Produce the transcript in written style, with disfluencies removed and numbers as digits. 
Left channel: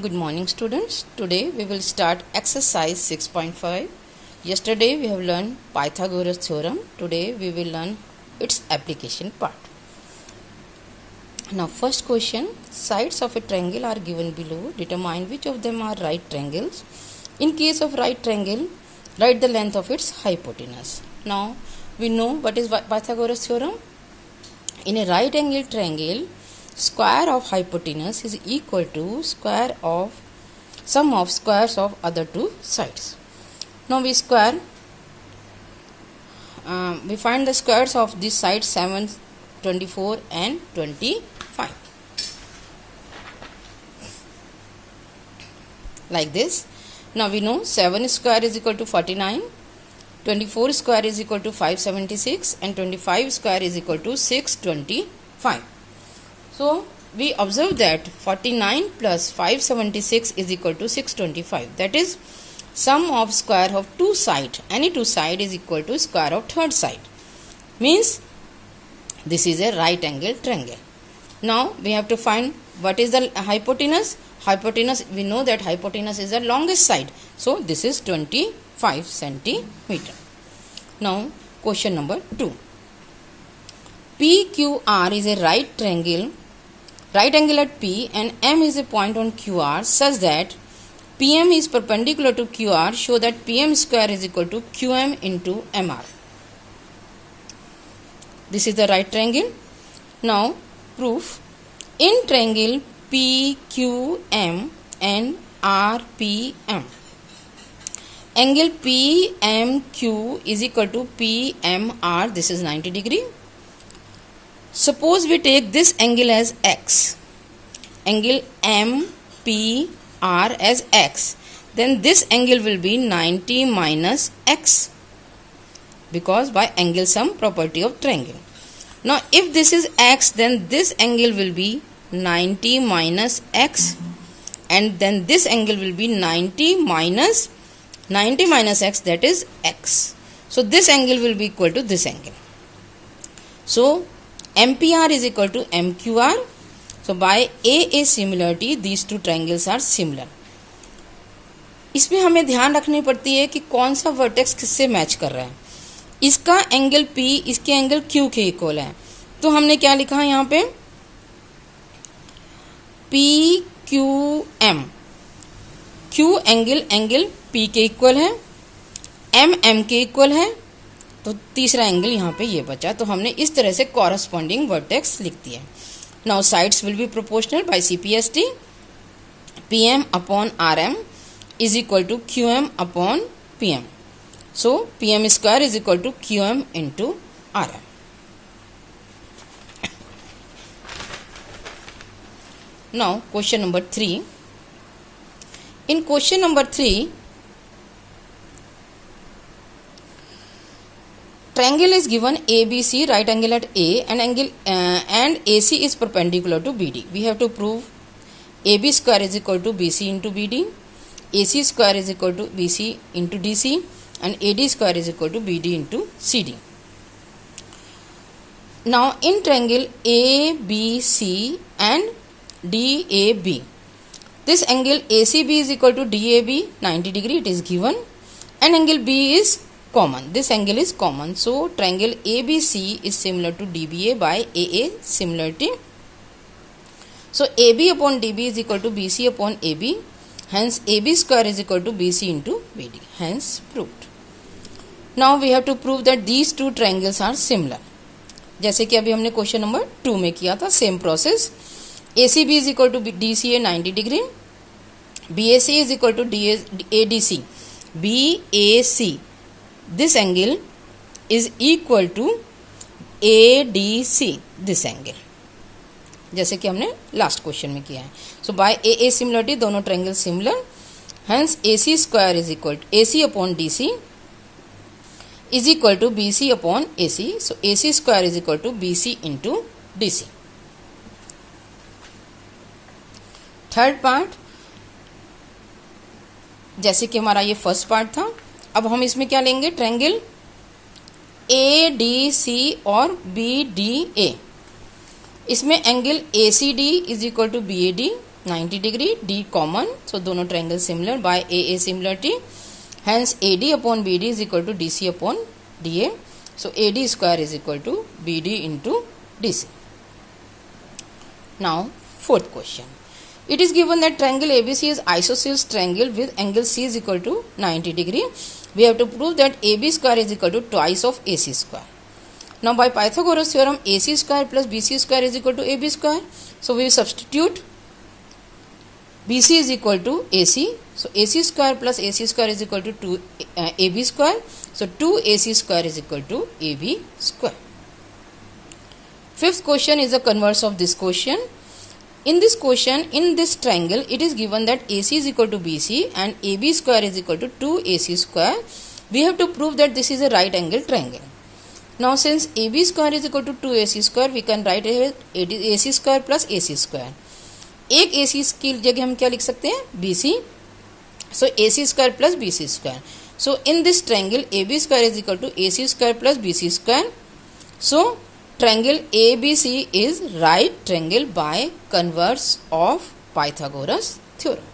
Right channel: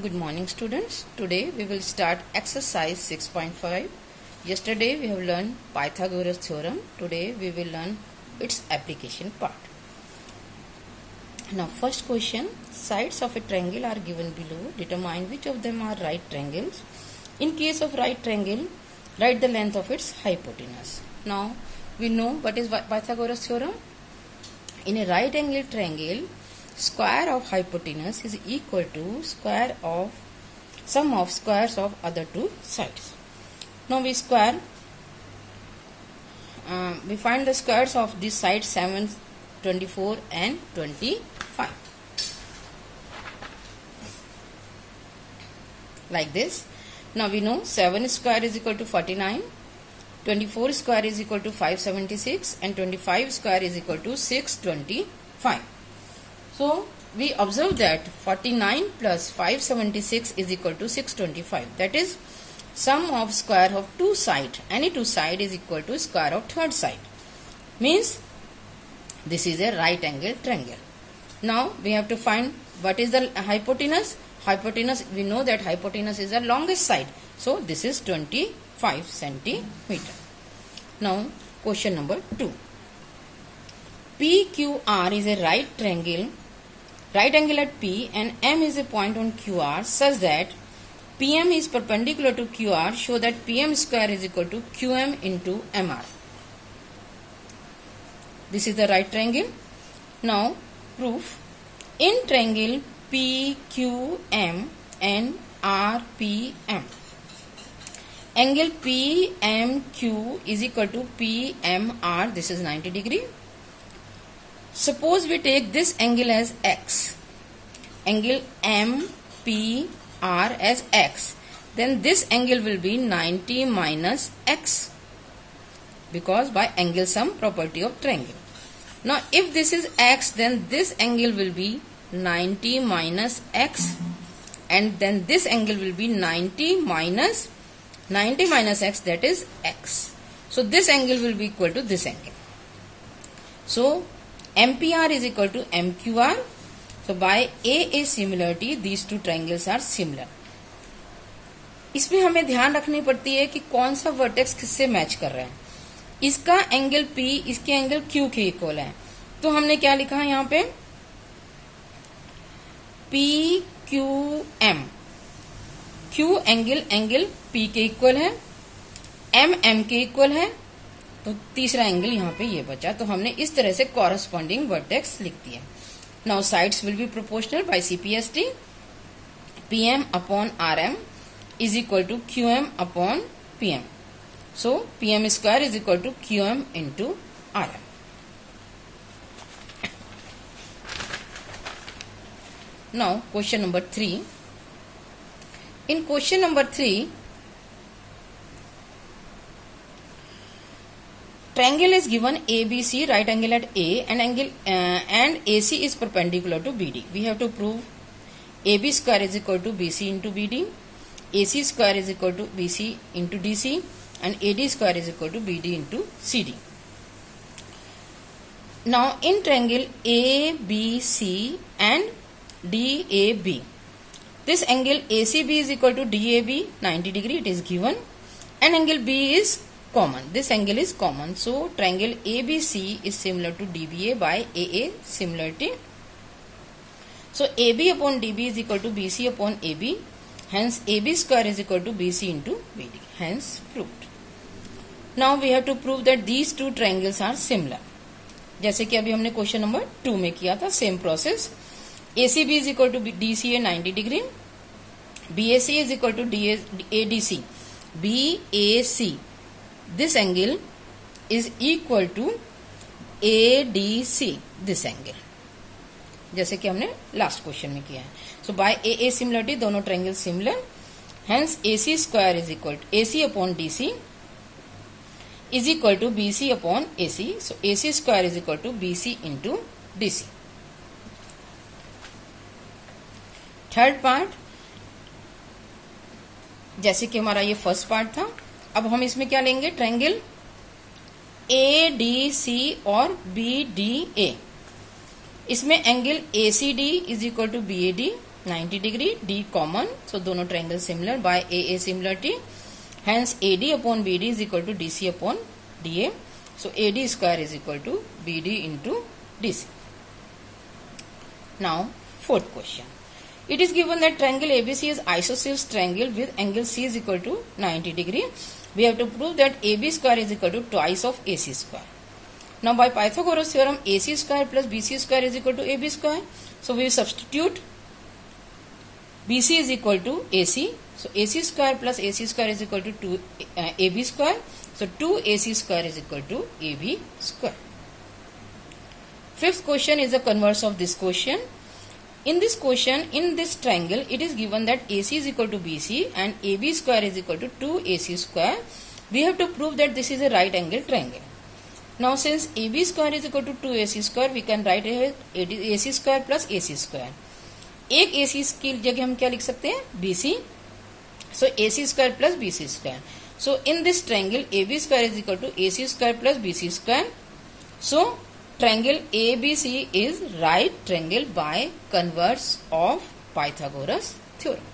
Good morning students. Today we will start exercise 6.5. Yesterday we have learned Pythagoras theorem. Today we will learn its application part. Now first question, sides of a triangle are given below. Determine which of them are right triangles. In case of right triangle, write the length of its hypotenuse. Now we know what is Pythagoras theorem. In a right angle triangle, square of hypotenuse is equal to square of sum of squares of other two sides. Now we find the squares of these sides 7, 24 and 25. Like this. Now we know 7 square is equal to 49, 24 square is equal to 576 and 25 square is equal to 625. So we observe that 49 plus 576 is equal to 625. That is, sum of square of two sides, any two side is equal to square of third side. Means this is a right angle triangle. Now we have to find what is the hypotenuse. Hypotenuse, we know that hypotenuse is the longest side. So this is 25 centimeter. Now question number 2. PQR is a right angle at P and M is a point on QR such that PM is perpendicular to QR. Show that PM square is equal to QM into MR. This is the right triangle. Now proof. In triangle PQM and RPM, angle PMQ is equal to PMR. This is 90 degree. Suppose we take this angle as X, angle MPR as X, then this angle will be 90 minus X, because by angle sum property of triangle. Now if this is X, then this angle will be 90 minus X, and then this angle will be 90 minus X, that is X. So this angle will be equal to this angle. So MPR is equal to MQR. So by AA similarity, these two triangles are similar. इसमें हमें ध्यान रखनी पड़ती है कि कौन सा vertex किससे मैच कर रहा है. इसका एंगल P इसके एंगल Q के इक्वल है. तो हमने क्या लिखा है यहाँ पे, PQM. Q एंगल P के इक्वल है, M के इक्वल है, तो तीसरा एंगल यहाँ पे ये बचा. तो हमने इस तरह से कॉरस्पॉन्डिंग वर्टेक्स लिख दिया. Now sides will be proportional by CPST. PM upon RM is equal to QM upon PM. So PM square is equal to QM into RM. Now question number 3. In question number 3, triangle is given ABC, right angle at A, and AC is perpendicular to BD. We have to prove AB square is equal to BC into BD, AC square is equal to BC into DC, and AD square is equal to BD into CD. Now in triangle ABC and DAB, this angle ACB is equal to DAB 90 degree, it is given, and angle B is common. This angle is common. So triangle ABC is similar to DBA by AA similarity. So AB upon DB is equal to BC upon AB. Hence AB square is equal to BC into BD. Hence proved. Now we have to prove that these two triangles are similar. जैसे कि अभी हमने question number 2 में किया था, same process. ACB is equal to DCA 90 degree. BAC is equal to ADC. BAC, this angle is equal to ADC, this angle, जैसे कि हमने लास्ट क्वेश्चन में किया है. सो बाय AA सिमिलरिटी दोनों triangle similar. Hence AC square is equal to AC upon DC is equal to BC upon AC. So AC square is equal to BC into DC. Third part, जैसे कि हमारा ये first part था, अब हम इसमें क्या लेंगे, ट्रायंगल ADC और BDA. इसमें angle ACD is equal to BAD 90 degree, D common, so दोनों triangle similar by AA similarity, hence AD upon BD is equal to DC upon DA, so AD square is equal to BD into DC. Now fourth question, it is given that triangle ABC is isosceles triangle with angle C is equal to 90 degree. We have to prove that AB square is equal to twice of AC square. Now by Pythagoras theorem, AC square plus BC square is equal to AB square. So we substitute BC is equal to AC. So AC square plus AC square is equal to 2 AB square. So 2AC square is equal to AB square. Fifth question is the converse of this question. In this question, in this triangle, it is given that AC is equal to BC and AB square is equal to 2AC square. We have to prove that this is a right angle triangle. Now since AB square is equal to 2AC square, we can write it AC square plus AC square. एक AC की जगह हम क्या लिख सकते हैं? BC. So AC square plus BC square. So in this triangle, AB square is equal to AC square plus BC square. So triangle ABC is right triangle by converse of Pythagoras theorem.